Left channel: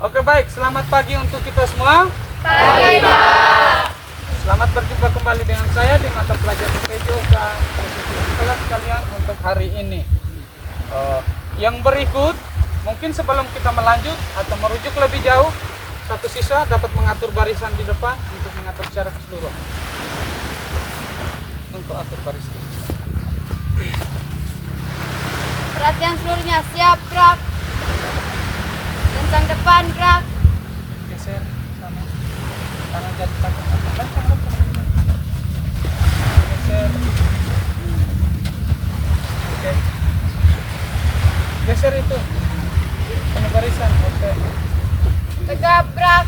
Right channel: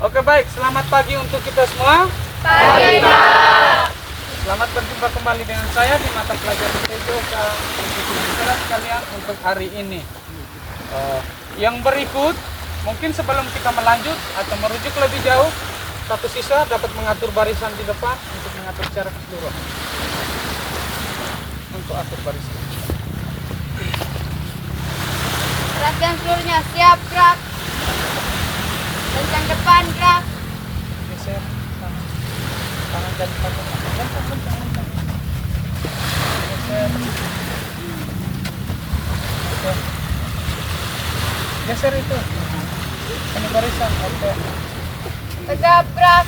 Oke baik, selamat pagi untuk kita semua. Pagi, Pak. Selamat berjumpa kembali dengan saya di mata pelajaran PJOK kelas sekalian untuk hari ini. Yang berikut, mungkin sebelum kita melanjut atau merujuk lebih jauh, satu siswa dapat mengatur barisan di depan untuk mengatur secara keseluruhan. Untuk atur barisan. Perhatian seluruhnya, siap gerak. Kencang depan gerak. Geser sama. Tangan jadi pakai kencang. Geser. Oke. Geser itu. Ini barisan. Oke. Tegap gerak.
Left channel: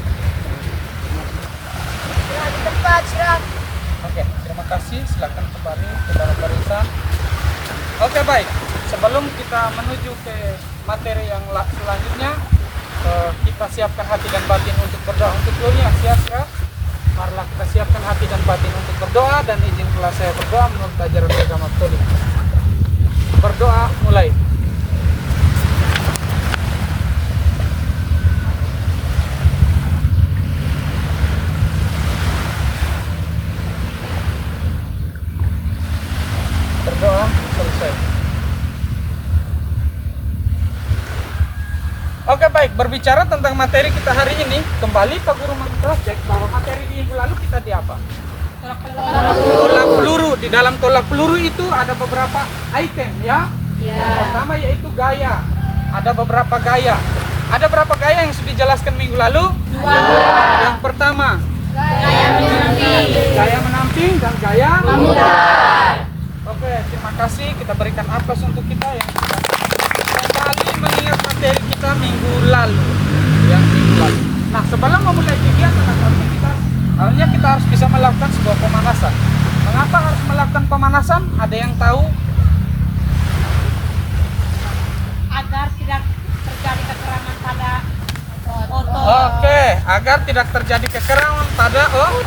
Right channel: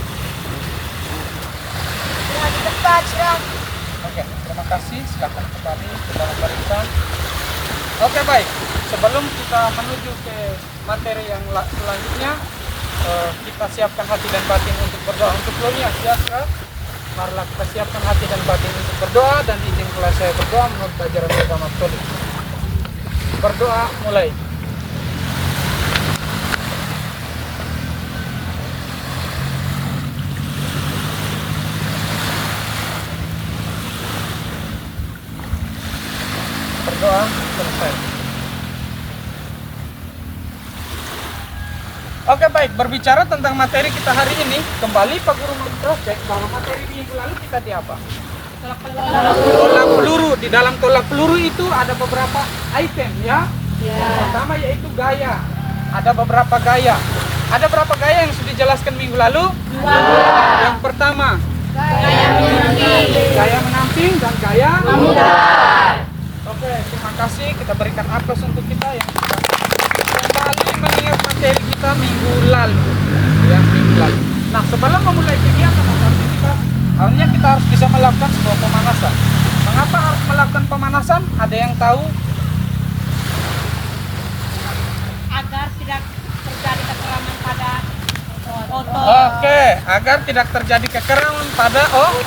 Gerak di tempat gerak. Oke, terima kasih. Silakan kembali ke dalam barisan. Oke, baik. Sebelum kita menuju ke materi yang selanjutnya, kita siapkan hati dan batin untuk berdoa untuk seluruhnya. Siap, Kak? Marilah kita siapkan hati dan batin untuk berdoa dan izinkanlah saya berdoa menurut ajaran agama Katolik. Berdoa mulai. Berdoa selesai. Oke baik, berbicara tentang materi kita hari ini, kembali Pak Guru mengcek bahwa materi di minggu lalu kita di apa? Tolak peluru. Di dalam tolak peluru itu ada beberapa item ya. Yang pertama yaitu gaya. Ada beberapa gaya. Ada berapa gaya yang sudah dijelaskan minggu lalu? Yang pertama, gaya menamping dan gaya memutar. Oke, terima kasih. Kita berikan aplaus untuk kita yang sudah kembali mengingat materi kita minggu lalu. Ya, minggu lalu. Nah, sebelum memulai kegiatan harusnya kita harus bisa melakukan sebuah pemanasan. Mengapa harus melakukan pemanasan? Ada yang tahu? Agar tidak terjadi kekeraman pada otot. Oke, agar tidak terjadi kekeraman pada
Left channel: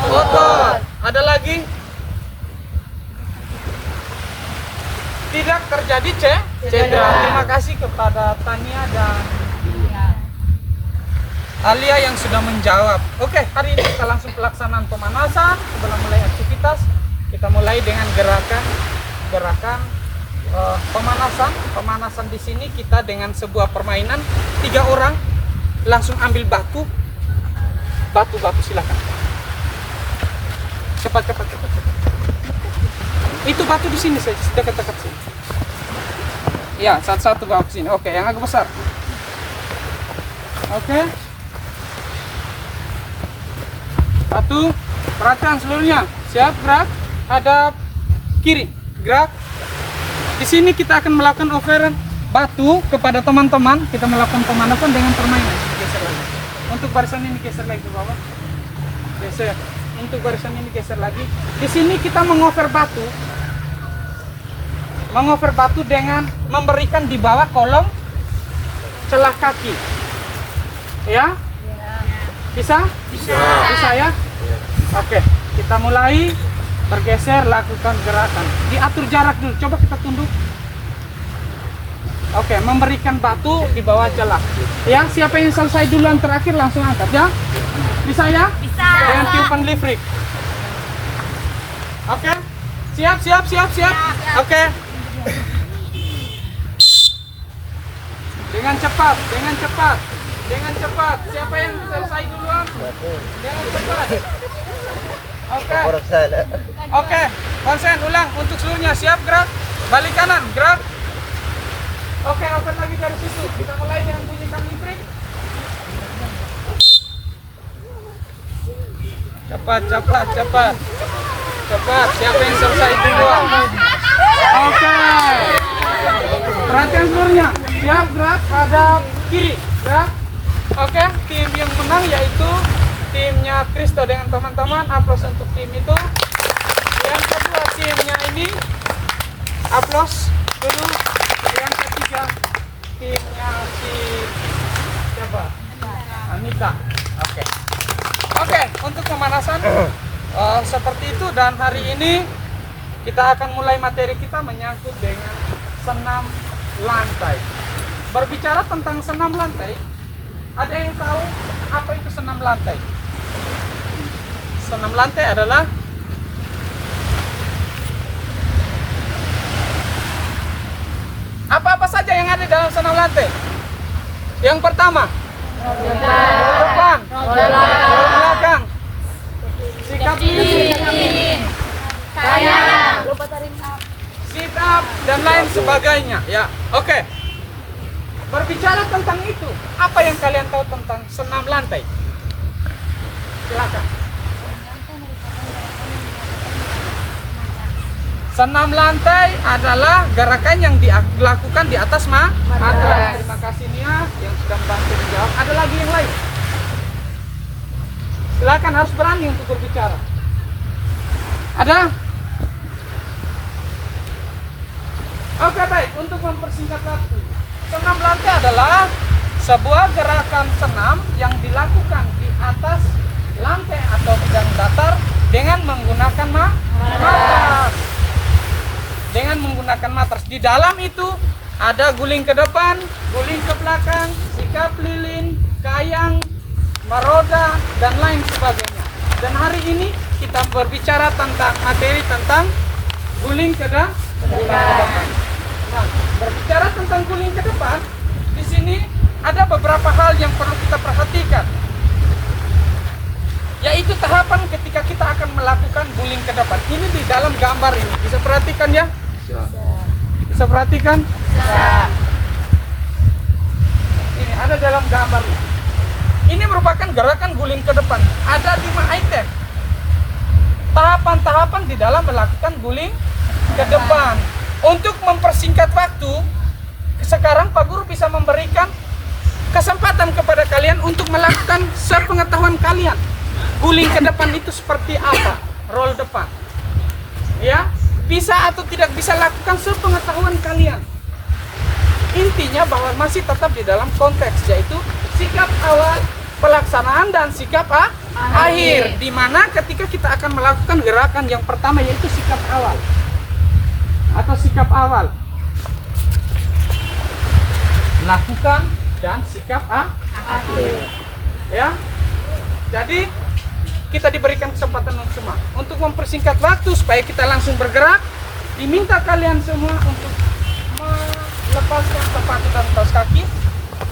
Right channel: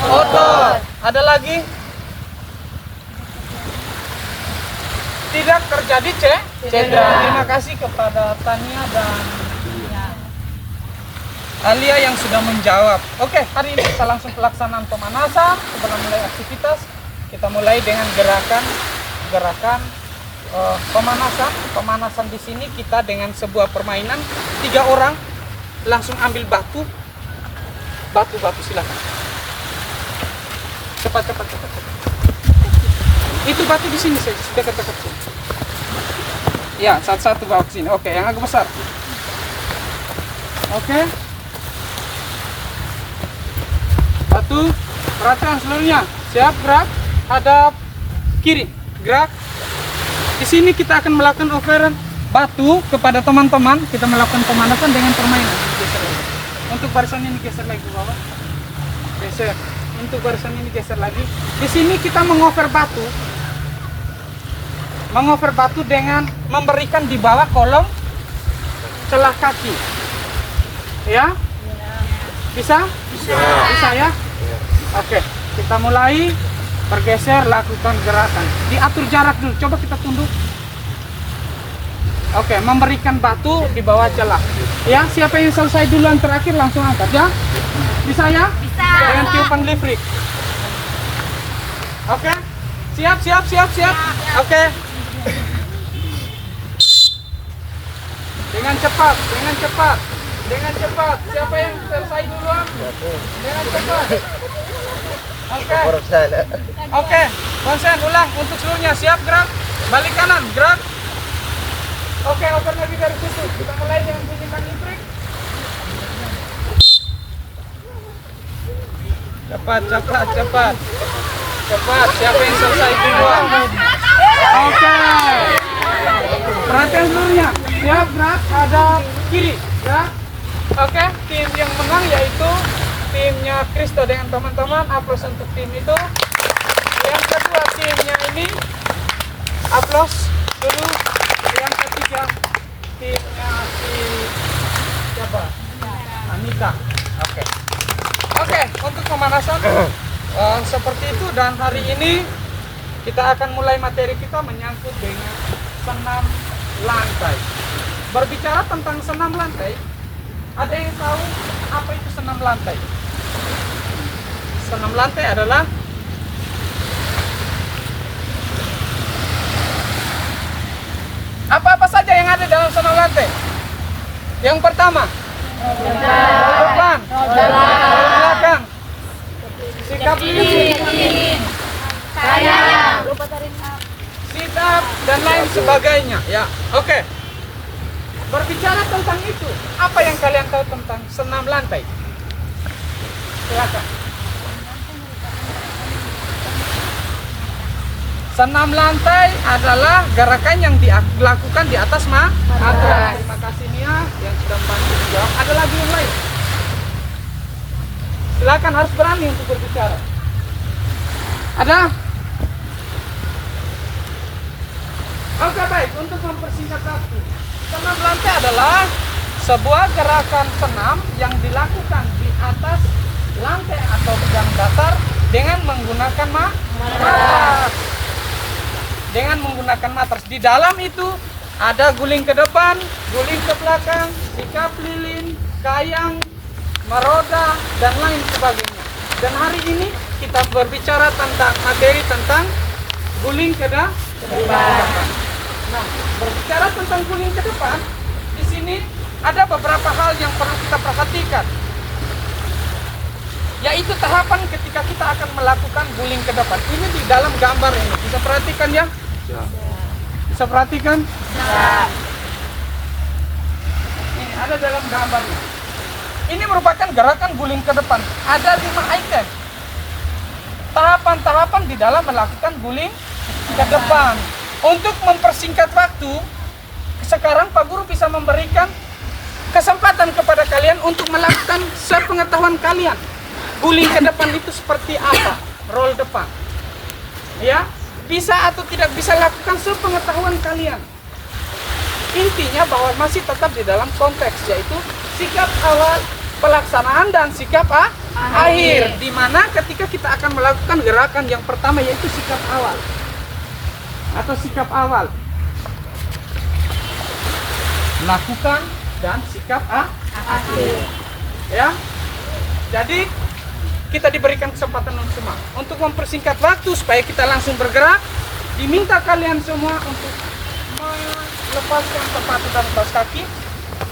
otot. Ada lagi? Tidak terjadi cedera. Terima kasih kepada Tania dan Alia yang sudah menjawab. Oke, hari ini kita langsung pelaksanaan pemanasan. Sebelum mulai aktivitas, kita mulai dengan gerakan pemanasan. Pemanasan di sini kita dengan sebuah permainan 3 orang langsung ambil batu silakan. Cepat. Itu batu di sini saja, dekat sini. Ya, satu bawa ke sini. Oke, yang agak besar. Oke. Batu, perhatian seluruhnya. Siap, gerak. Hadap kiri, gerak. Di sini kita akan melakukan offeran batu kepada teman-teman. Kita melakukan pemanasan dengan permainan. Geser lagi. Untuk barisan ini geser lagi ke bawah. Geser. Untuk barisan ini geser lagi. Di sini kita mengofer batu. Mengofer batu dengan memberikan di bawah kolong celah kaki. Ya? Bisa? Bisa ya? Oke, kita mulai bergeser, lakukan gerakan. Diatur jarak dulu. Coba kita tunduk. Oke, memberikan batu di bawah celah. Ya, siapa yang selesai duluan terakhir langsung angkat ya? Bisa ya? Bisa. Dengan tiupan listrik. Oke. Siap. Oke. Dengan cepat. Siapa yang selesai duluan? Dengan cepat. Oke. Konsen ulang untuk seluruhnya. Siap, gerak. Balik kanan, gerak. Oke, open lagi dari situ. Kita mulai dengan bunyikan listrik. Cepat. Siapa yang selesai duluan? Oke. Perhatian seluruhnya. Siap, gerak. Ada kiri, gerak. Oke, tim yang menang yaitu timnya Kristo dengan teman-teman. Aplaus untuk tim itu. Yang kedua timnya ini. Aplaus dulu. Yang ketiga timnya siapa? Anita. Oke, untuk pemanasan seperti itu, dan hari ini kita akan mulai materi kita menyangkut dengan senam lantai. Berbicara tentang senam lantai, Ada yang tahu apa itu senam lantai? Senam lantai adalah apa-apa saja yang ada dalam senam lantai. Yang pertama, depan, belakang, sikap lilin, sit up dan lain sebagainya. Ya, oke. Berbicara tentang itu, apa yang kalian tahu tentang senam lantai? Silakan. Senam lantai adalah gerakan yang dilakukan di atas matras. Terima kasih Nia yang sudah membantu menjawab. Ada lagi yang lain? Silakan, harus berani untuk berbicara. Ada? Oke, baik. Untuk mempersingkat waktu, senam lantai adalah sebuah gerakan senam yang dilakukan di atas lantai atau bidang datar dengan menggunakan matras. Dengan menggunakan matras. Di dalam itu ada guling ke depan, guling ke belakang, sikap lilin, kayang, meroda, dan lain sebagainya. Dan hari ini kita berbicara tentang materi tentang guling ke depan. Nah, berbicara tentang guling ke depan, di sini ada beberapa hal yang perlu kita perhatikan. Yaitu tahapan ketika kita akan melakukan guling ke depan. Ini di dalam gambar ini. Bisa perhatikan ya? Bisa perhatikan? Ya. Ini ada dalam gambarnya. Ini merupakan gerakan guling ke depan. Ada 5 item. Tahapan-tahapan di dalam melakukan guling ke depan. Untuk mempersingkat waktu, sekarang Pak Guru bisa memberikan kesempatan kepada kalian untuk melakukan sepengetahuan kalian. Guling ke depan itu seperti apa? Roll depan. Ya, bisa atau tidak bisa lakukan sepengetahuan kalian. Intinya bahwa masih tetap di dalam konteks, yaitu sikap awal, pelaksanaan, dan sikap akhir. Di mana ketika kita akan melakukan gerakan yang pertama, yaitu sikap awal atau sikap awal, lakukan, dan sikap akhir. Ya, jadi kita diberikan kesempatan untuk semua untuk mempersingkat waktu supaya kita langsung bergerak. Diminta kalian semua untuk melepaskan sepatu dan kaos kaki,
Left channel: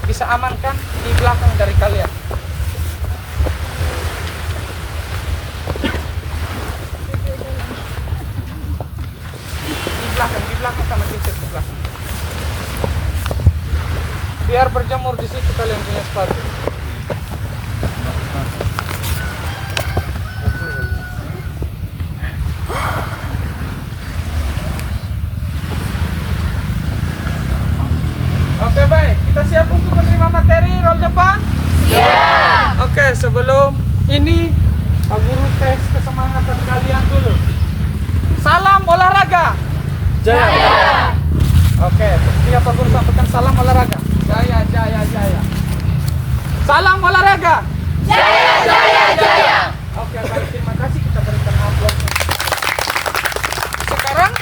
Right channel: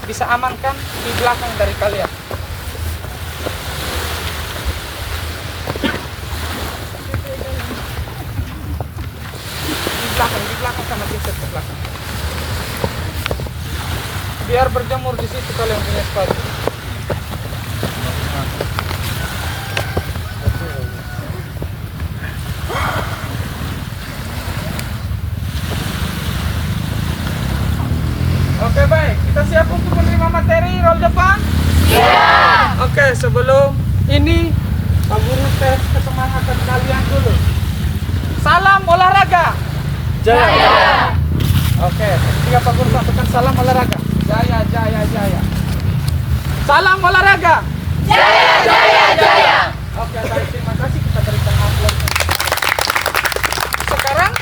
bisa amankan di belakang dari kalian. Di belakang sama geser ke belakang. Biar berjemur di situ kalian punya sepatu. Oke, baik. Kita siap untuk menerima materi roll depan? Siap. Oke, sebelum ini Pak Guru tes kesemangatan kalian dulu. Salam olahraga. Jaya. Oke, ketika Pak Guru sampaikan salam olahraga. Jaya, jaya, jaya. Salam olahraga. Jaya, jaya, jaya. Oke, baik. Terima kasih. Kita berikan amplop. Sekarang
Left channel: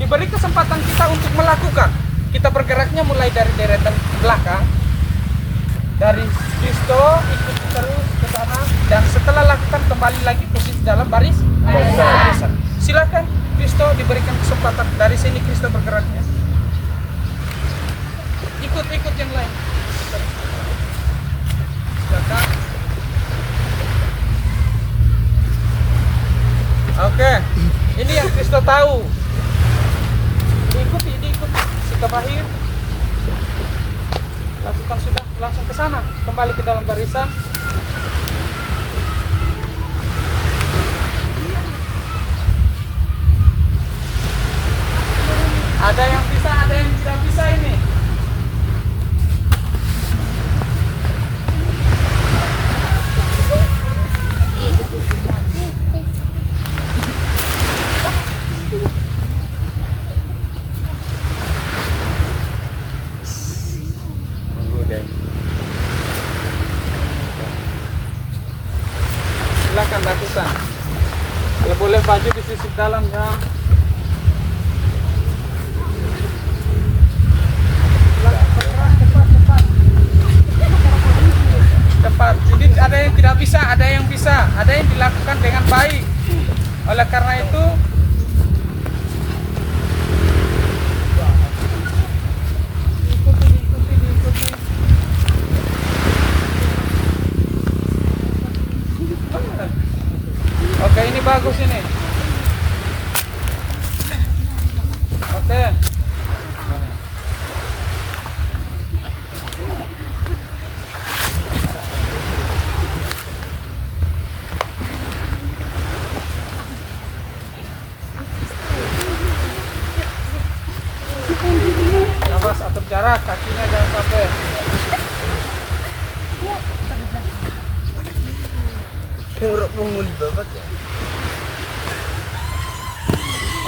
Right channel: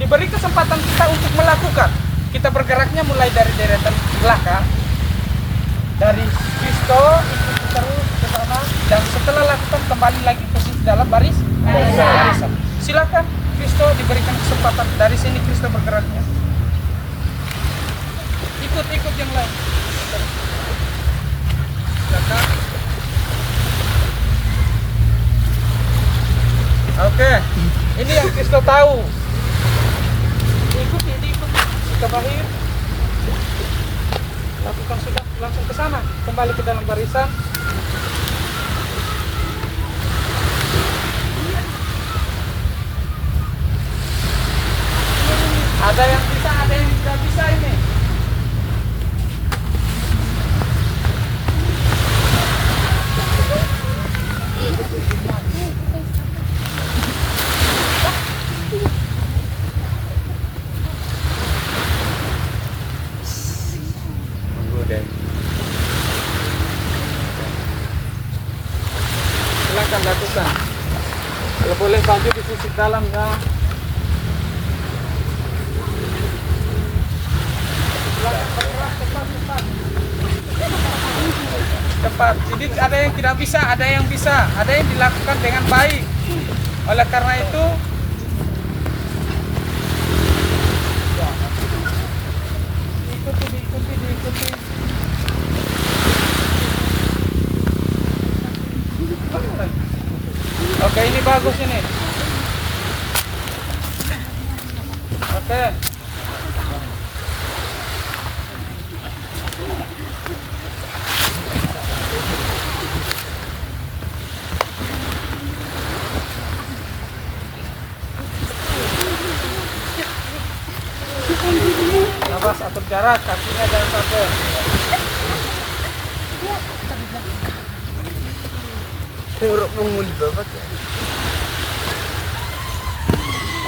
diberi kesempatan kita untuk melakukan. Kita bergeraknya mulai dari deretan belakang, dari Kristo ikuti terus ke sana, dan setelah lakukan kembali lagi posisi dalam baris. Silakan Kristo diberikan kesempatan dari sini Kristo bergeraknya. Ikut yang lain. Silakan. Oke, ini yang Kristo tahu. Diikuti. Sikap akhir. Lakukan sudah, langsung ke sana. Kembali ke dalam barisan. Ada yang bisa, ada yang tidak bisa ini. Silakan lakukan. Kalau boleh baju di sisi dalam ya. Silakan bergerak cepat. ada yang tidak bisa, ada yang bisa, ada yang dilakukan dengan baik. Oleh karena itu diikuti. Oke, ini bagus ini. Oke. Nafas, atur jarak, kakinya jangan sampai.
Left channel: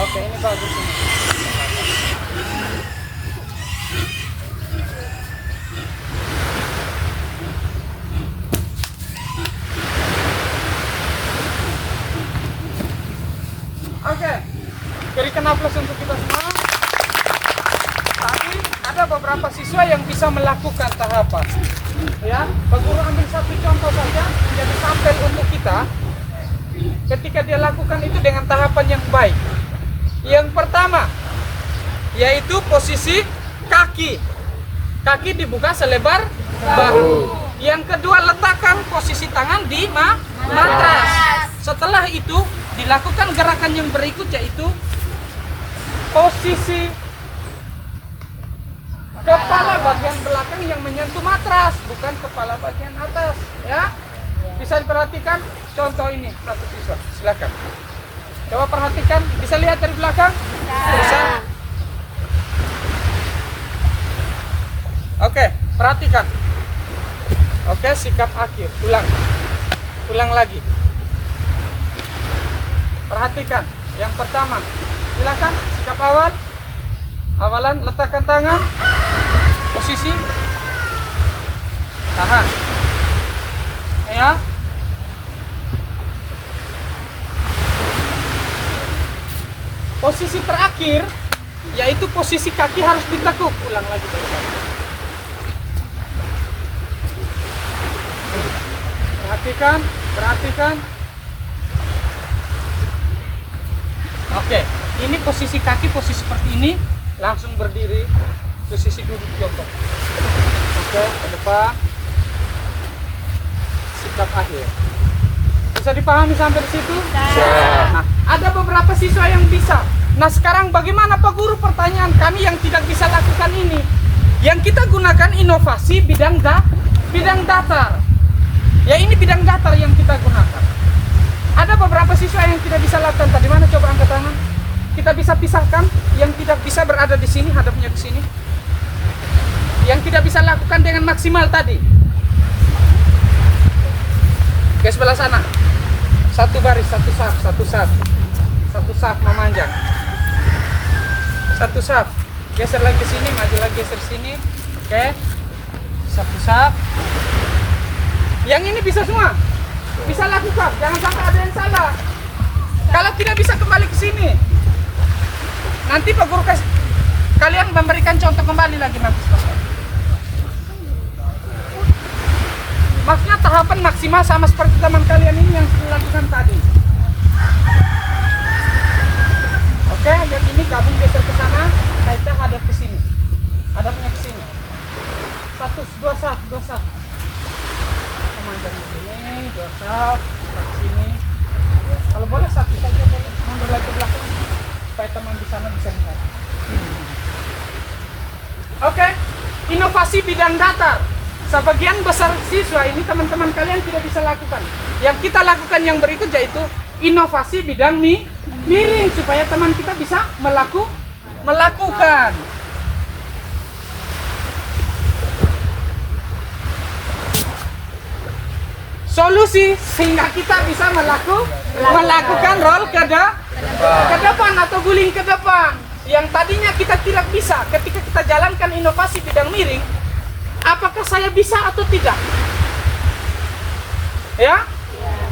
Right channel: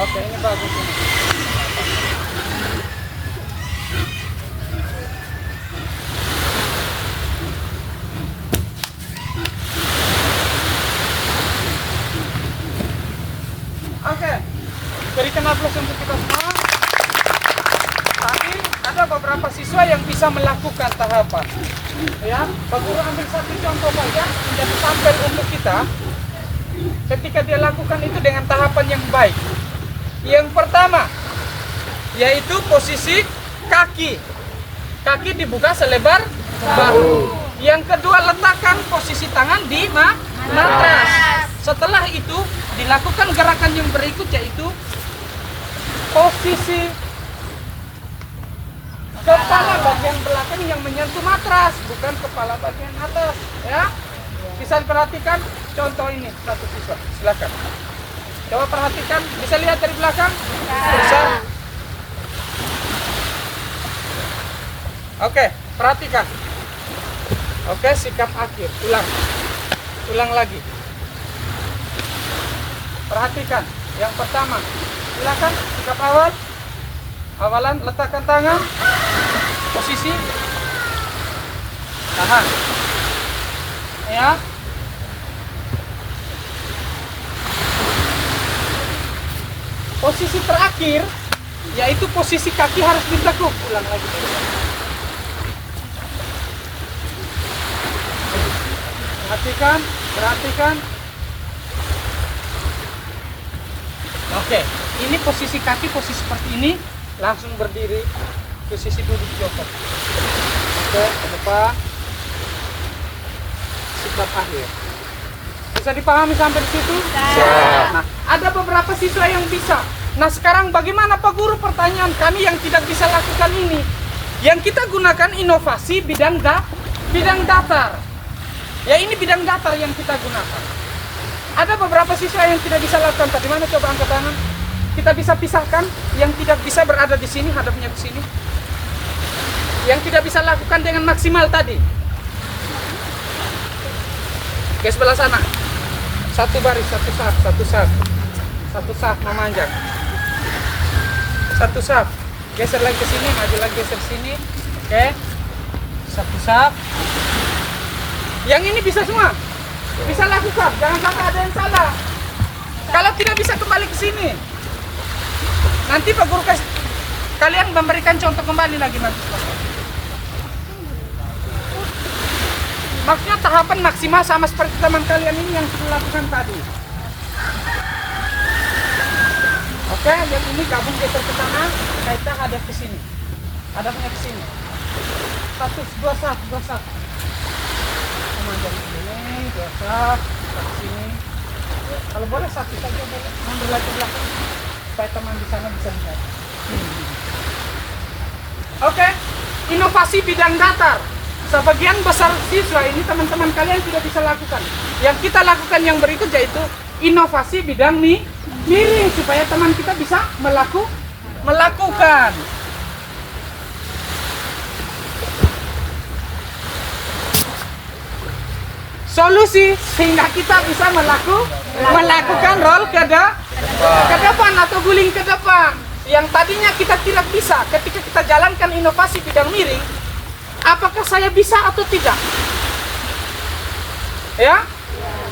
Oke, ini bagus ini. Oke, berikan aplaus untuk kita semua. Tadi ada beberapa siswa yang bisa melakukan tahapan. Ya, Pak Guru ambil satu contoh saja menjadi sampel untuk kita. Ketika dia lakukan itu dengan tahapan yang baik. Yang pertama, yaitu posisi kaki. Kaki dibuka selebar bahu. Yang kedua, letakkan posisi tangan di matras. Setelah itu, dilakukan gerakan yang berikut, yaitu posisi kepala bagian belakang yang menyentuh matras, bukan kepala bagian atas. Ya, bisa diperhatikan contoh ini satu siswa. Silakan. Coba perhatikan, bisa lihat dari belakang? Bisa. Oke, perhatikan. Oke, sikap akhir. Ulang lagi. Perhatikan. Yang pertama, silakan sikap awal. Awalan, letakkan tangan. Posisi. Tahan. Ya. Posisi terakhir, yaitu posisi kaki harus ditekuk. Ulang lagi dari bawah. Perhatikan. Oke, ini posisi kaki, posisi seperti ini. Langsung berdiri, posisi duduk jongkok. Oke, ke depan. Sikap akhir. Bisa dipahami sampai di situ? Nah, ada beberapa siswa yang bisa. Nah, sekarang bagaimana Pak Guru? Pertanyaan kami yang tidak bisa lakukan ini. Yang kita gunakan inovasi bidang datar. Ya, ini bidang datar yang kita gunakan. Ada beberapa siswa yang tidak bisa lakukan. Tadi mana? Coba angkat tangan. Kita bisa pisahkan. Yang tidak bisa berada di sini, hadapnya di sini. Yang tidak bisa lakukan dengan maksimal tadi. Ke sebelah sana. Satu baris, satu saf memanjang. Satu saf. Geser lagi ke sini, maju lagi geser sini. Oke. Satu saf. Yang ini bisa semua. Bisa lakukan, jangan sampai ada yang salah. Kalau tidak bisa kembali ke sini. Nanti Pak Guru kalian memberikan contoh kembali lagi nanti. Maksudnya tahapan maksimal sama seperti teman kalian ini yang sudah lakukan tadi. Oke, yang ini gabung geser ke sana, kita hadap ke sini. Hadapnya ke sini. Dua saf. Memanjang ke sini, dua saf, ke sini. Kalau boleh satu saja, boleh. Mundur lagi ke belakang supaya teman di sana bisa lihat. Oke, inovasi bidang datar. Sebagian besar siswa ini teman-teman kalian tidak bisa lakukan. Yang kita lakukan yang berikut yaitu inovasi bidang miring supaya teman kita bisa melakukan. Solusi sehingga kita bisa melakukan roll ke depan atau guling ke depan. Yang tadinya kita tidak bisa ketika kita jalankan inovasi bidang miring. Apakah saya bisa atau tidak? Ya?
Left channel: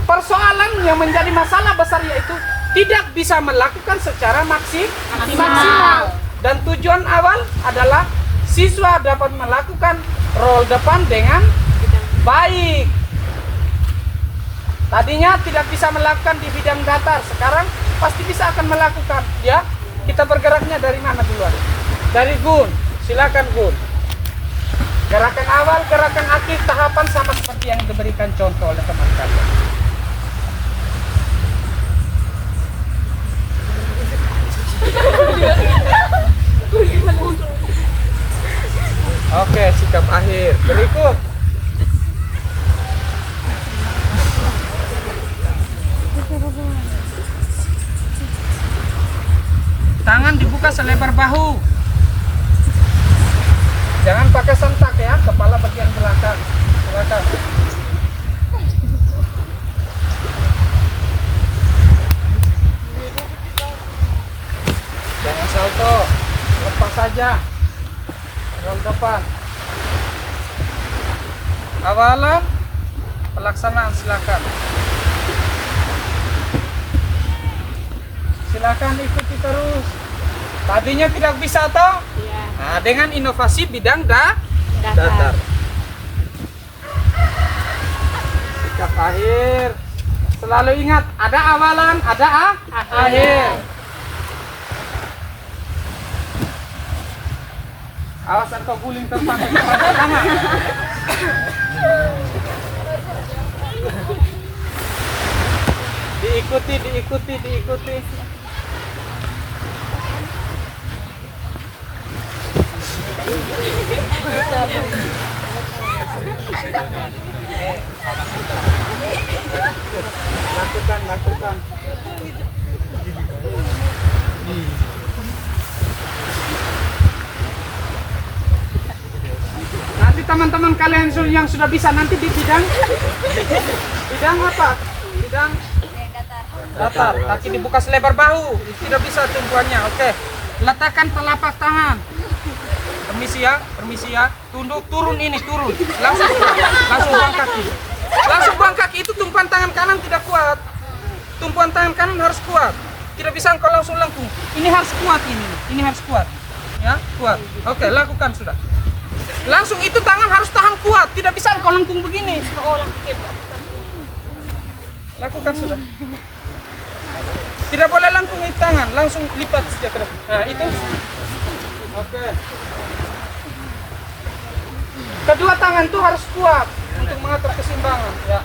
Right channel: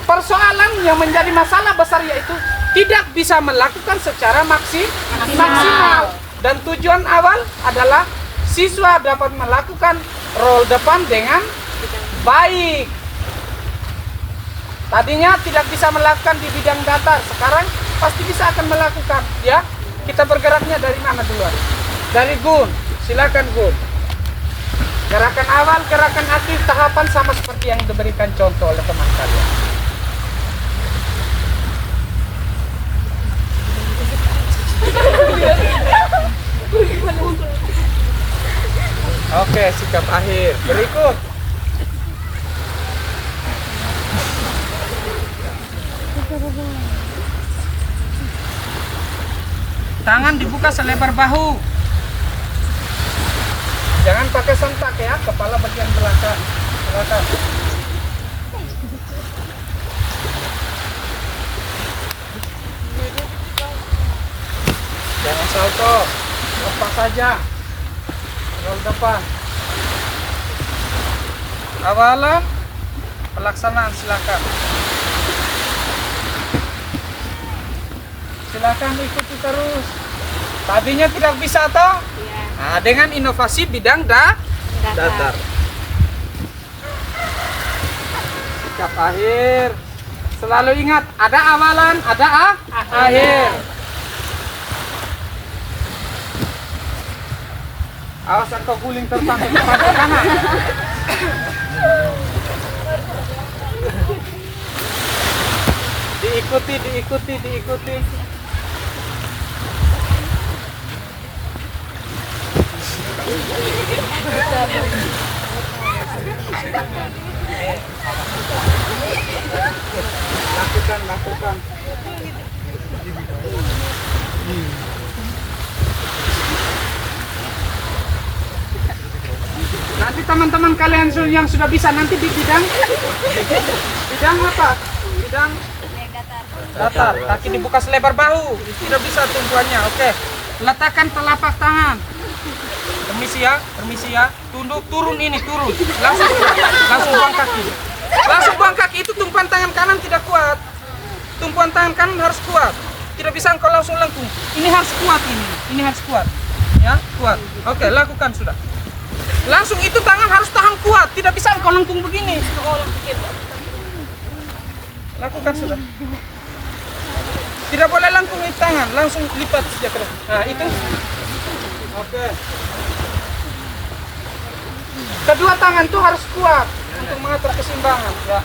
Persoalan yang menjadi masalah besar yaitu tidak bisa melakukan secara maksimal. Dan tujuan awal adalah siswa dapat melakukan roll depan dengan baik. Tadinya tidak bisa melakukan di bidang datar, sekarang pasti bisa akan melakukan, ya. Kita bergeraknya dari mana duluan? Dari Gun, silakan Gun. Gerakan awal, gerakan aktif, tahapan sama seperti yang diberikan contoh oleh teman kalian. Oke, sikap akhir. Berikut. Tangan dibuka selebar bahu. Jangan pakai sentak ya, kepala bagian belakang. Silakan. Jangan salto, lepas saja. Roll depan. Awalan, pelaksanaan silakan. Silakan ikuti terus. Tadinya tidak bisa toh? Iya. Nah, dengan inovasi bidang datar. Sikap akhir. Selalu ingat, ada awalan, ada akhir. Awas engkau guling terbang ke kanan. Diikuti. Lakukan. Nanti teman-teman kalian yang sudah bisa nanti di bidang apa? Bidang datar. Kaki dibuka selebar bahu. Tidak bisa tumpuannya. Oke. Letakkan telapak tangan. Permisi ya. Tunduk, turun. Langsung buang kaki. Itu tumpuan tangan kanan tidak kuat. Tumpuan tangan kanan harus kuat. Tidak bisa engkau langsung lengkung. Ini harus kuat ini harus kuat. Ya, kuat. Oke, lakukan sudah. Langsung itu tangan harus tahan kuat. Tidak bisa engkau lengkung begini. Lakukan sudah. Tidak boleh lengkung itu tangan, langsung lipat saja ke depan. Nah, itu. Oke. Kedua tangan itu harus kuat untuk mengatur keseimbangan, ya.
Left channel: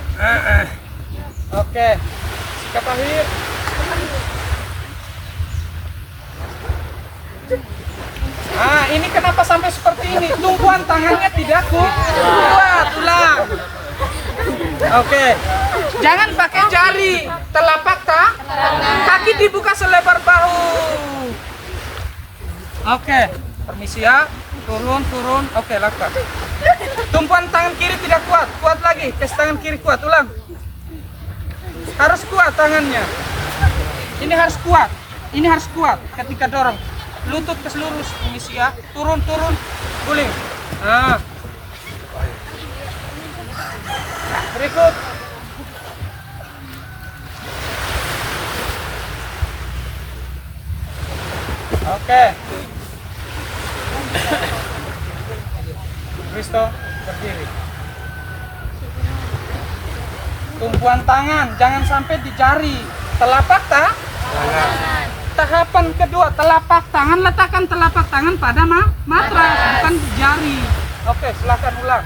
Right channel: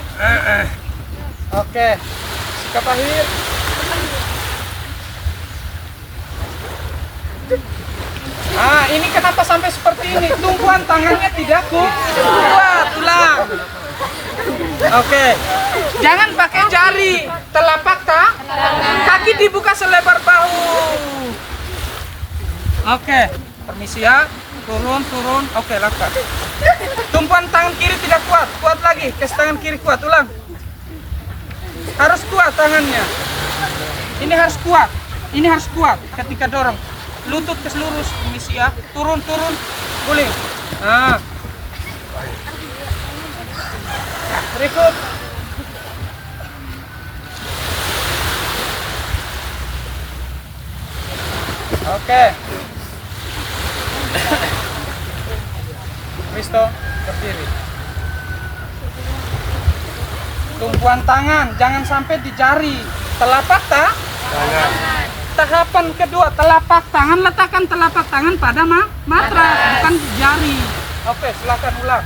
Oke. Sikap akhir. Ah, ini kenapa sampai seperti ini? Tumpuan tangannya tidak kuat. Ulang. Oke. Jangan pakai jari. Telapak kaki dibuka selebar bahu. Oke. Permisi ya. Turun. Oke, lakukan. Tumpuan tangan kiri tidak kuat. Kuat lagi. Kes tangan kiri kuat. Ulang. Harus kuat tangannya. Ini harus kuat ketika dorong. Lutut ke lurus, permisi ya. Turun, guling. Nah. Berikut. Oke. Risto, berdiri. Tumpuan tangan, jangan sampai di jari. Telapak tangan. Tahapan kedua, telapak tangan, letakkan telapak tangan pada matras, bukan di jari. Oke, silakan ulang.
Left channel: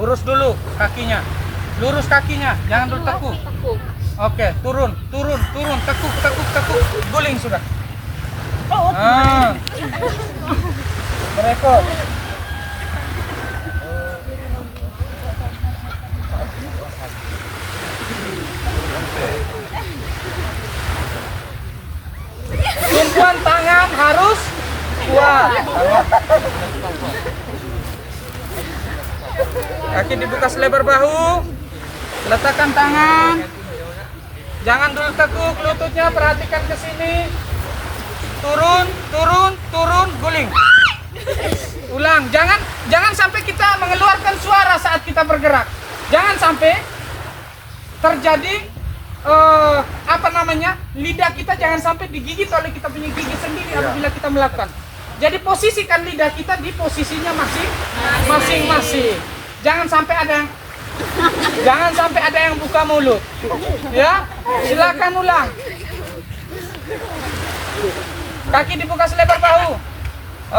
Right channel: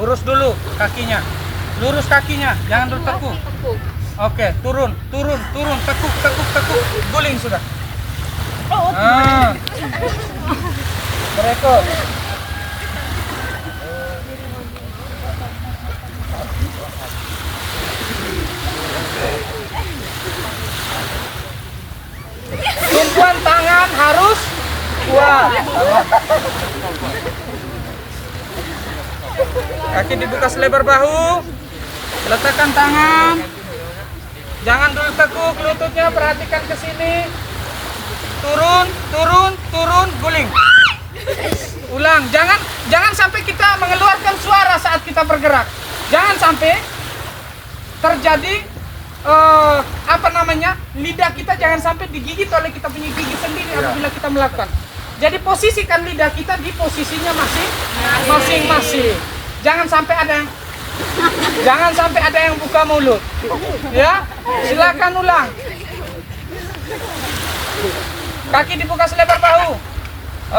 Lurus dulu kakinya. Lurus kakinya, jangan dulu tekuk. Oke, turun, tekuk. Guling sudah. Nah. Berikut. Tumpuan tangan harus kuat. Kaki dibuka selebar bahu. Letakkan tangan. Jangan dulu tekuk lututnya, perhatikan ke sini. Turun, guling. Ulang. Jangan sampai kita mengeluarkan suara saat kita bergerak. Jangan sampai terjadi lidah kita jangan sampai digigit oleh kita punya gigi sendiri apabila kita melakukan. Jadi posisikan lidah kita di posisinya masing-masing. Jangan sampai ada yang buka mulut. Ya, silakan ulang. Kaki dibuka selebar bahu.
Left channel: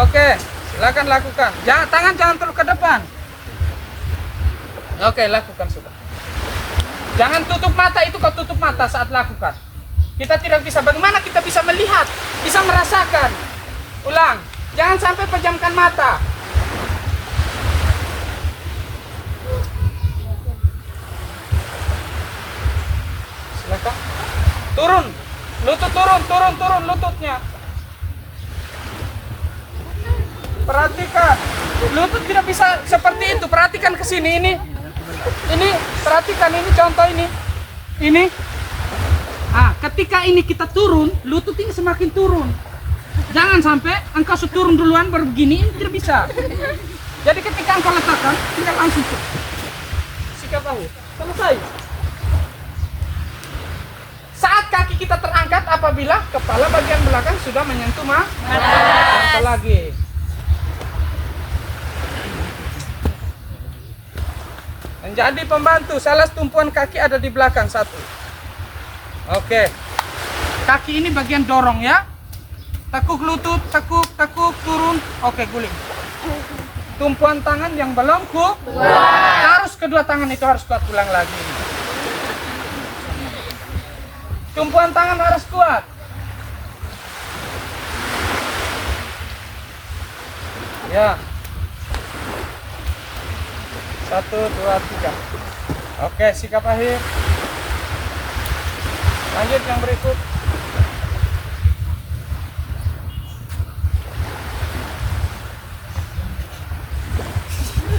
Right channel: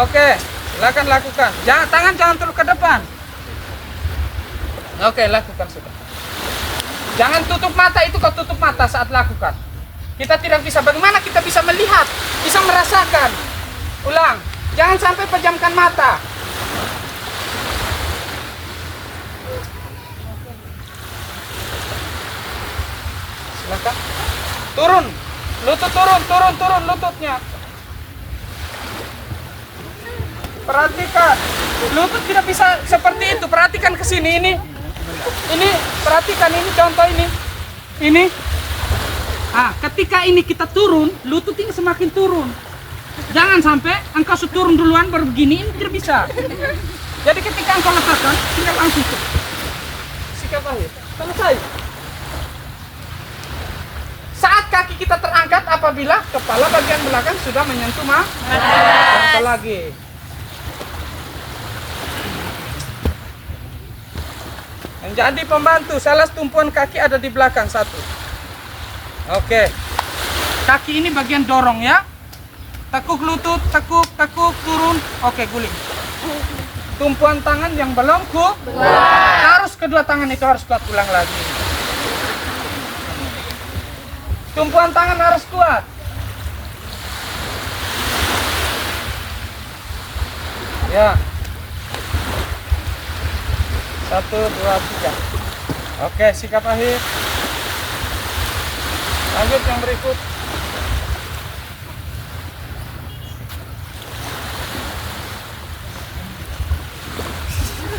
Oke, silakan lakukan. Tangan jangan terus ke depan. Oke, lakukan sudah. Jangan tutup mata, itu kau tutup mata saat lakukan. Kita tidak bisa, bagaimana kita bisa melihat, bisa merasakan. Ulang, jangan sampai pejamkan mata. Silakan. Turun, lutut turun lututnya. Perhatikan, lutut tidak bisa seperti itu. Perhatikan ke sini ini. Perhatikan ini contoh ini. Ketika ini kita turun, lutut ini semakin turun. Jangan sampai engkau turun duluan baru begini, ini tidak bisa. Jadi ketika engkau letakkan, tinggal langsung tuh. Sikat bahu, selesai. Saat kaki kita terangkat apabila kepala bagian belakang sudah menyentuh mata lagi. Menjadi pembantu, salah tumpuan kaki ada di belakang satu. Oke. Kaki ini bagian dorong ya. Tekuk lutut, tekuk, turun. Oke, guling. Tumpuan tangan yang belum kuat. Harus kedua tangan itu harus kuat, ulang lagi. Tumpuan tangan harus kuat. Ya. 1, 2, 3. Oke, sikap akhir. Lanjut yang berikut.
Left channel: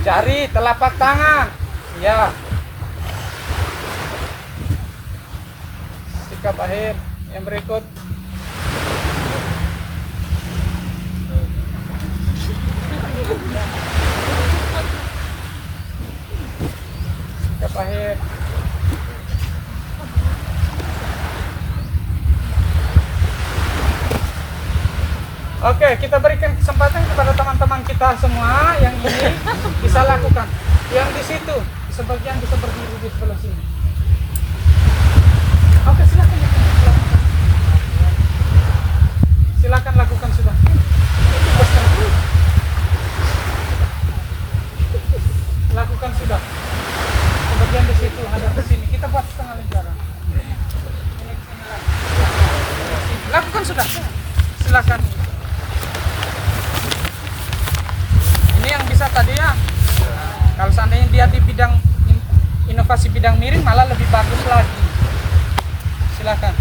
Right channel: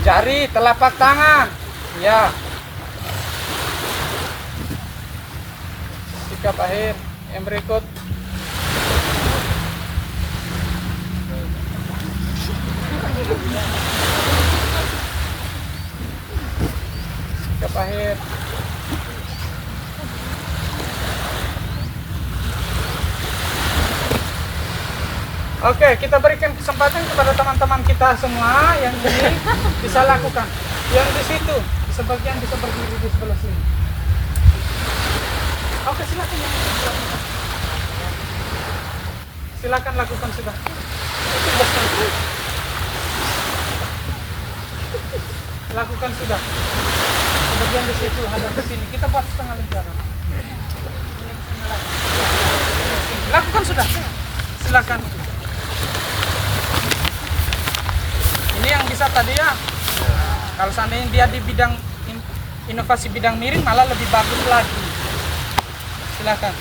Jari, telapak tangan. Ya. Sikap akhir. Yang berikut. Sikap akhir. Oke, kita berikan kesempatan kepada teman-teman kita semua yang ini bisa lakukan. Yang di situ, sebagian bisa berdiri di sebelah sini. Oke, silakan yang ini, silakan. Silakan lakukan sudah. Itu betul. Lakukan sudah. Sebagian di situ, hadap ke sini. Kita buat setengah lingkaran. Lakukan sudah. Silakan. Ini yang bisa tadi ya. Kalau seandainya dia di bidang inovasi bidang miring malah lebih bagus lagi. Silakan.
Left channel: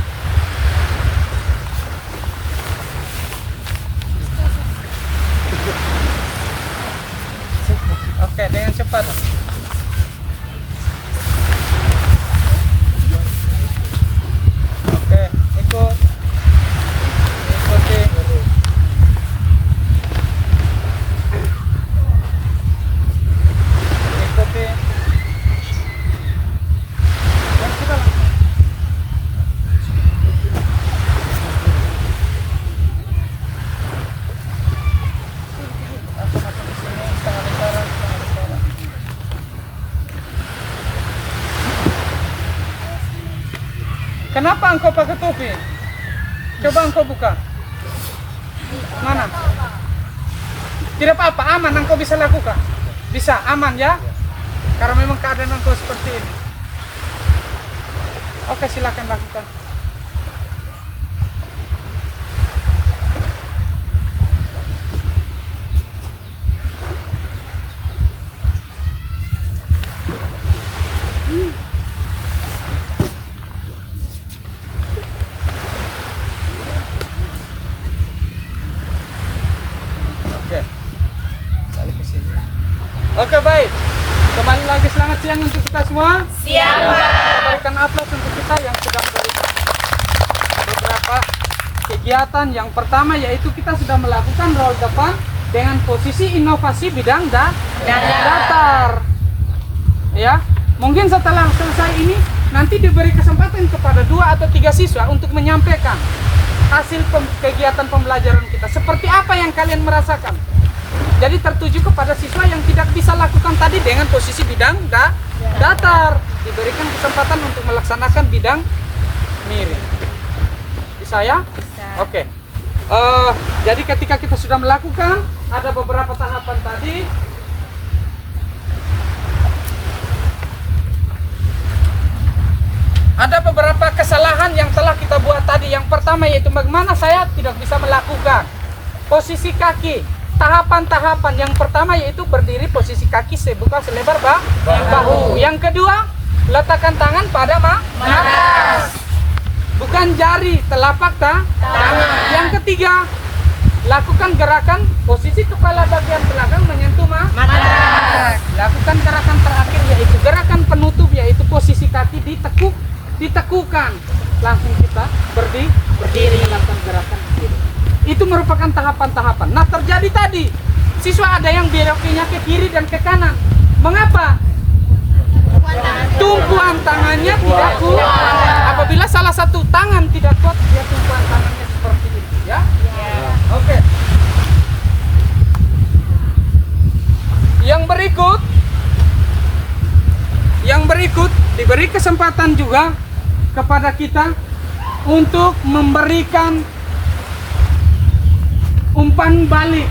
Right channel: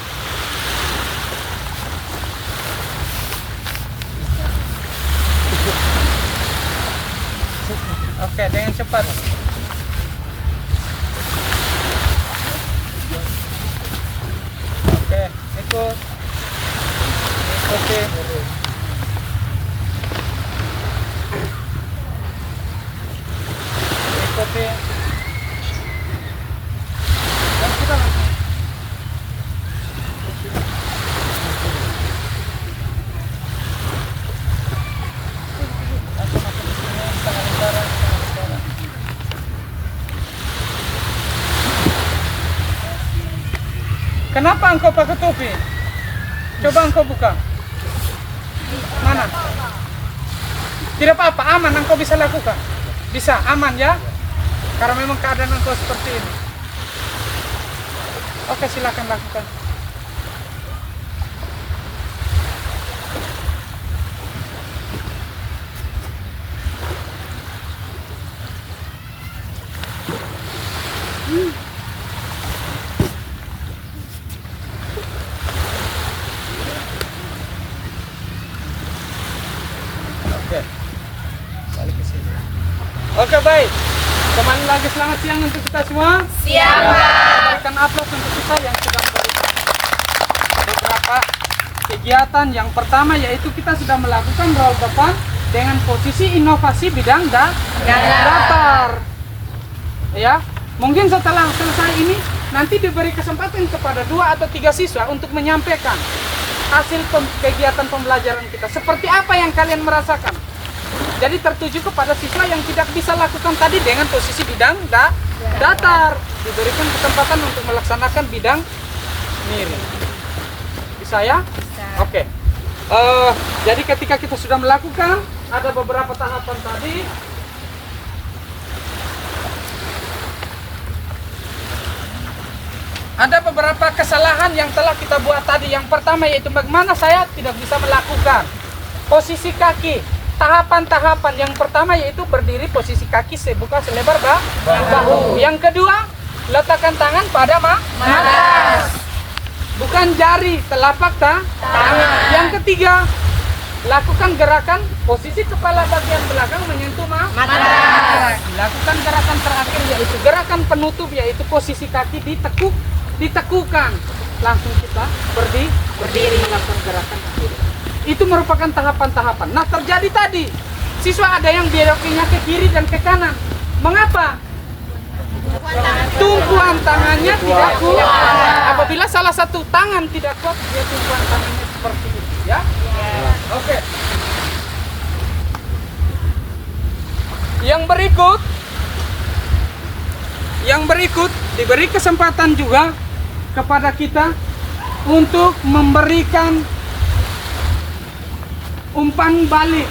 Oke, dengan cepat. Oke, ikuti. Dan kita langsung. Langsung masuk ke sini, setengah lingkaran. Kenapa engkau pakai topi? Coba engkau buka. Mana? Tidak apa-apa, aman engkau bisa lakukan. Bisa, aman ya. Karena memang keadaan engkau seperti ini. Oke, silakan lakukan. Oke. Balik ke sini. Oke, baik. Kembali lagi, selamat siang untuk kita semua. Siang, Pak. Kita berikan aplaus untuk kita yang sudah memberikan beberapa kegiatan. Yang pertama yaitu kita sudah melakukan roll depan dengan posisi inovasi bidang datar. Ya, mungkin setelah selesai ini nanti diberi kesempatan kepada 2 atau 3 siswa untuk menyampaikan hasil kegiatan pembelajaran kita. Seperti apa yang kalian merasakan? Jadi tertuju kepada siswa yang tidak bisa lakukan tadi dengan posisi bidang datar. Diberikan kesempatan untuk melaksanakan bidang miring. Bisa ya? Bisa. Oke. Jadi ketika kita sudah melakukan, ada beberapa tahapan tadi. Ada beberapa kesalahan yang telah kita buat tadi. Yang pertama yaitu bagaimana saya tidak bisa melakukan posisi kaki. Tahapan-tahapan yang pertama yaitu berdiri posisi kaki sebuka selebar bahu. Yang kedua, letakkan tangan pada matras. Bukan jari, telapak tangan. Yang ketiga, lakukan gerakan posisi kepala bagian belakang menyentuh matras. Lakukan gerakan terakhir yaitu gerakan penutup yaitu posisi kaki ditekukan. Langsung kita berdiri melakukan gerakan akhir. Itu merupakan tahapan-tahapan. Nah, terjadi tadi siswa ada yang belokinya ke kiri dan ke kanan. Mengapa? Tumpuan tangannya tidak kuat. Apabila salah satu tangan tidak kuat, dia tumpuan tangannya seperti itu, ya. Oke. Yang berikut diberi kesempatan juga kepada kita untuk memberikan umpan balik,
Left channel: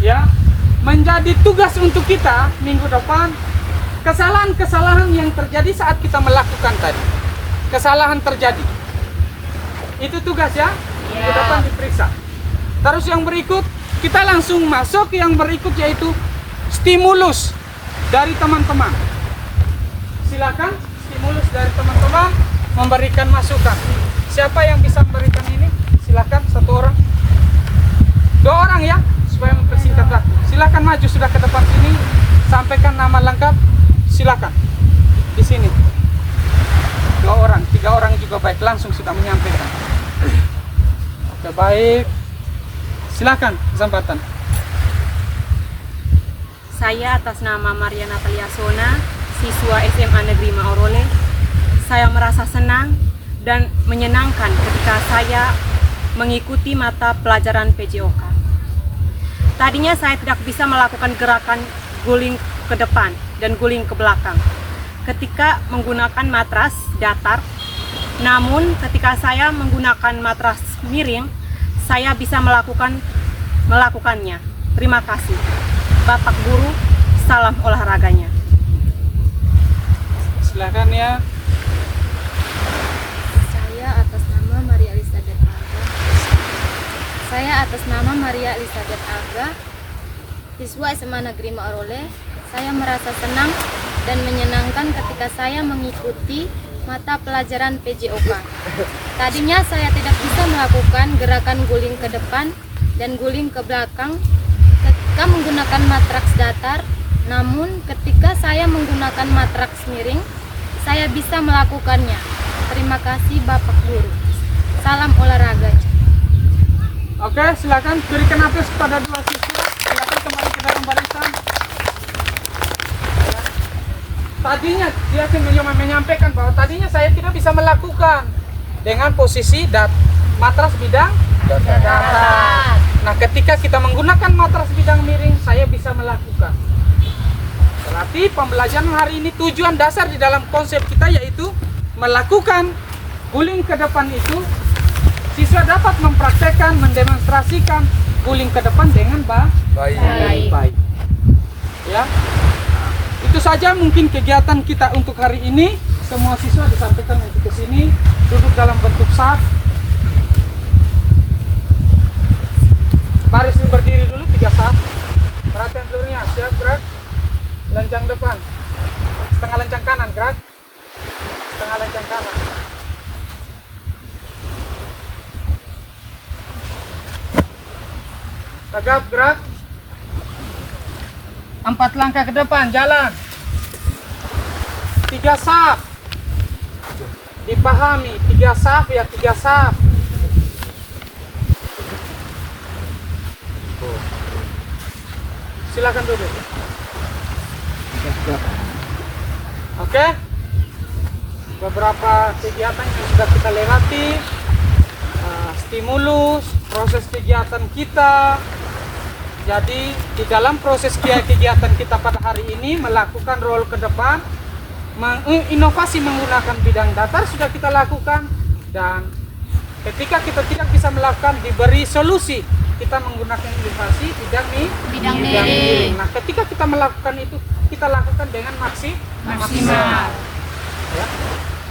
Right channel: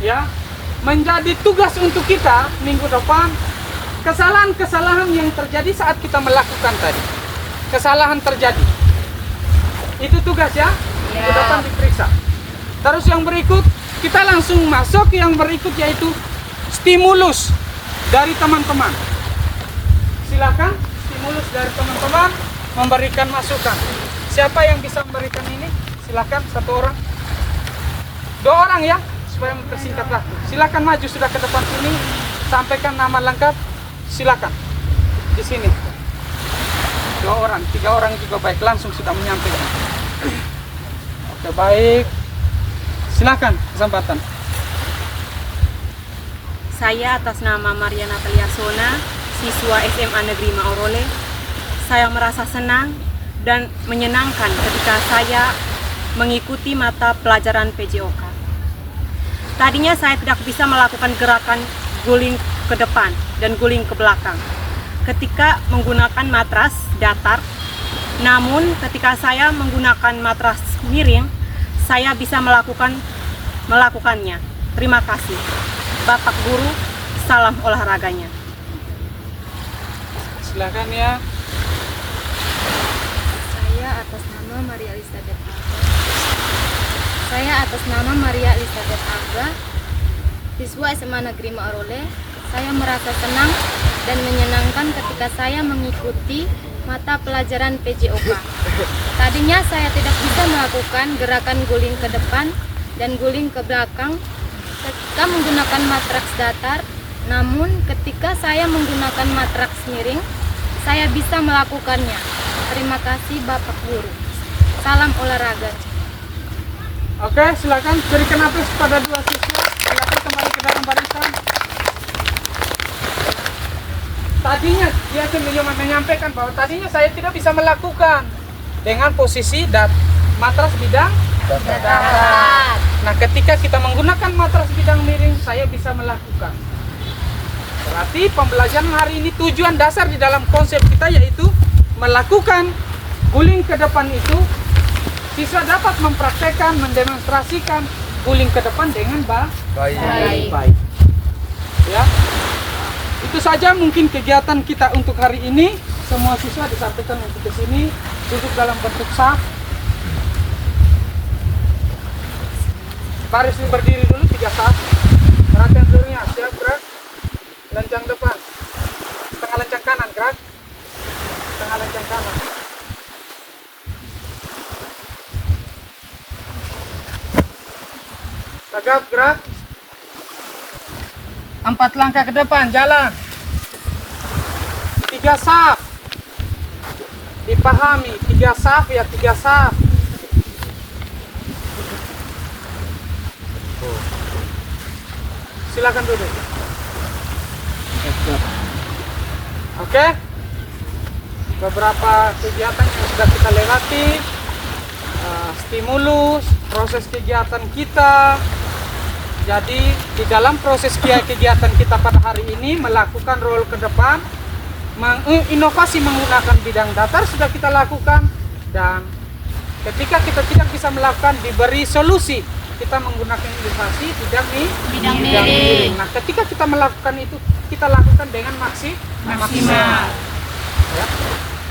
ya, menjadi tugas untuk kita minggu depan. Kesalahan-kesalahan yang terjadi saat kita melakukan tadi, kesalahan terjadi, itu tugas ya, minggu depan diperiksa. Terus yang berikut, kita langsung masuk yang berikut yaitu stimulus dari teman-teman. Silakan stimulus dari teman-teman memberikan masukan. Siapa yang bisa memberikan ini? Silakan, satu orang. 2 orang ya, supaya mempersingkat waktu. Silakan maju sudah ke depan sini, sampaikan nama lengkap. Silakan di sini. 2 orang, 3 orang juga baik, langsung sudah menyampaikan. Oke, baik. Silakan kesempatan. Saya atas nama Maria Natalia Sona, siswa SMA Negeri Maorole. Saya merasa senang dan menyenangkan ketika saya mengikuti mata pelajaran PJOK. Tadinya saya tidak bisa melakukan gerakan guling ke depan dan guling ke belakang ketika menggunakan matras datar. Namun ketika saya menggunakan matras miring, saya bisa melakukannya. Terima kasih, Bapak Guru. Salam olahraganya. Silakan ya. Saya atas nama Maria Elizabeth Alga, siswa SMA Negeri Maorole. Saya merasa senang dan menyenangkan ketika saya mengikuti mata pelajaran PJOK. Tadinya saya tidak bisa melakukan gerakan guling ke depan dan guling ke belakang ketika menggunakan matraks datar. Namun ketika saya menggunakan matraks miring, saya bisa melakukannya. Terima kasih Bapak Guru. Salam olahraga. Oke, silakan berikan aplaus kepada 2 siswa. Silakan kembali ke dalam barisan. Tadinya dia menyampaikan bahwa tadinya saya tidak bisa melakukan dengan posisi matras bidang datar. Nah, ketika kita menggunakan matras bidang miring, saya bisa melakukan. Berarti pembelajaran hari ini tujuan dasar di dalam konsep kita yaitu melakukan guling ke depan itu. Siswa dapat mempraktekkan, mendemonstrasikan guling ke depan dengan baik. Ya, itu saja mungkin kegiatan kita untuk hari ini. Semua siswa disampaikan untuk ke sini, duduk dalam bentuk saf. Baris berdiri dulu 3 saf. Perhatian seluruhnya, siap gerak. Lencang depan, setengah lencang kanan, gerak. Setengah lencang kanan. Tegap, gerak. 4 langkah ke depan, jalan. 3 saf. Dipahami, 3 saf ya, 3 saf. Silakan duduk. Oke. Beberapa kegiatan yang sudah kita lewati. stimulus proses kegiatan kita. Jadi di dalam proses kegiatan kita pada hari ini melakukan role ke depan, inovasi menggunakan bidang datar sudah kita lakukan, dan ketika kita tidak bisa melakukan diberi solusi, kita menggunakan inovasi bidang miring. Nah, ketika kita melakukan itu, kita lakukan dengan maksimal. Ya.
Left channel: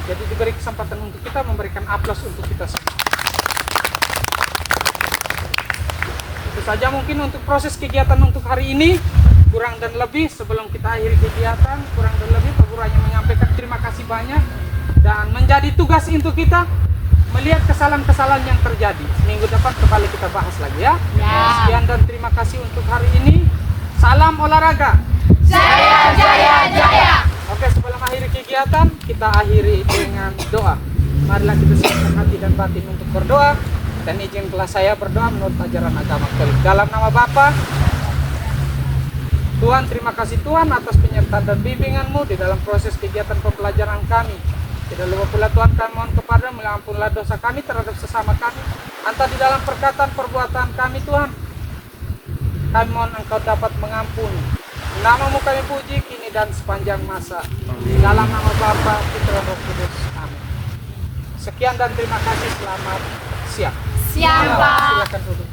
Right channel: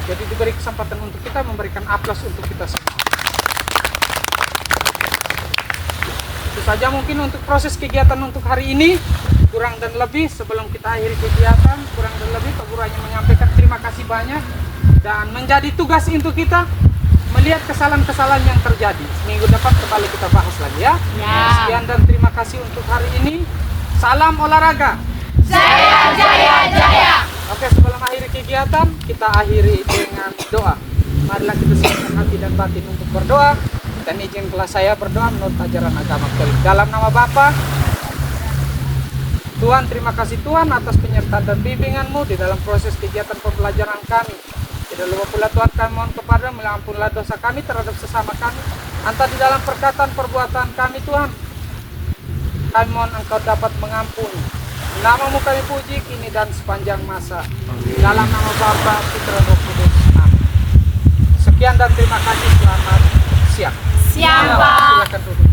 Jadi diberi kesempatan untuk kita memberikan aplaus untuk kita semua. Itu saja mungkin untuk proses kegiatan untuk hari ini. Kurang dan lebih sebelum kita akhiri kegiatan, kurang dan lebih Pak Guru hanya menyampaikan terima kasih banyak, dan menjadi tugas untuk kita melihat kesalahan-kesalahan yang terjadi. Seminggu depan kembali kita bahas lagi ya. Sekian dan terima kasih untuk hari ini. Salam olahraga. Jaya, jaya, jaya. Oke, sebelum akhiri kegiatan, kita akhiri dengan doa. Marilah kita siapkan hati dan batin untuk berdoa, dan izinkanlah saya berdoa menurut ajaran agama Katolik. Dalam nama Bapa, Tuhan, terima kasih Tuhan atas penyertaan dan bimbingan-Mu di dalam proses kegiatan pembelajaran kami. Tidak lupa pula Tuhan, kami mohon kepada mengampunilah dosa kami terhadap sesama kami, entah di dalam perkataan perbuatan kami Tuhan. Kami mohon Engkau dapat mengampuni. Nama-Mu kami puji kini dan sepanjang masa. Dalam nama Bapa, Putra, Roh Kudus. Amin. Sekian dan terima kasih. Selamat siang. Siang, Pak. Silakan duduk.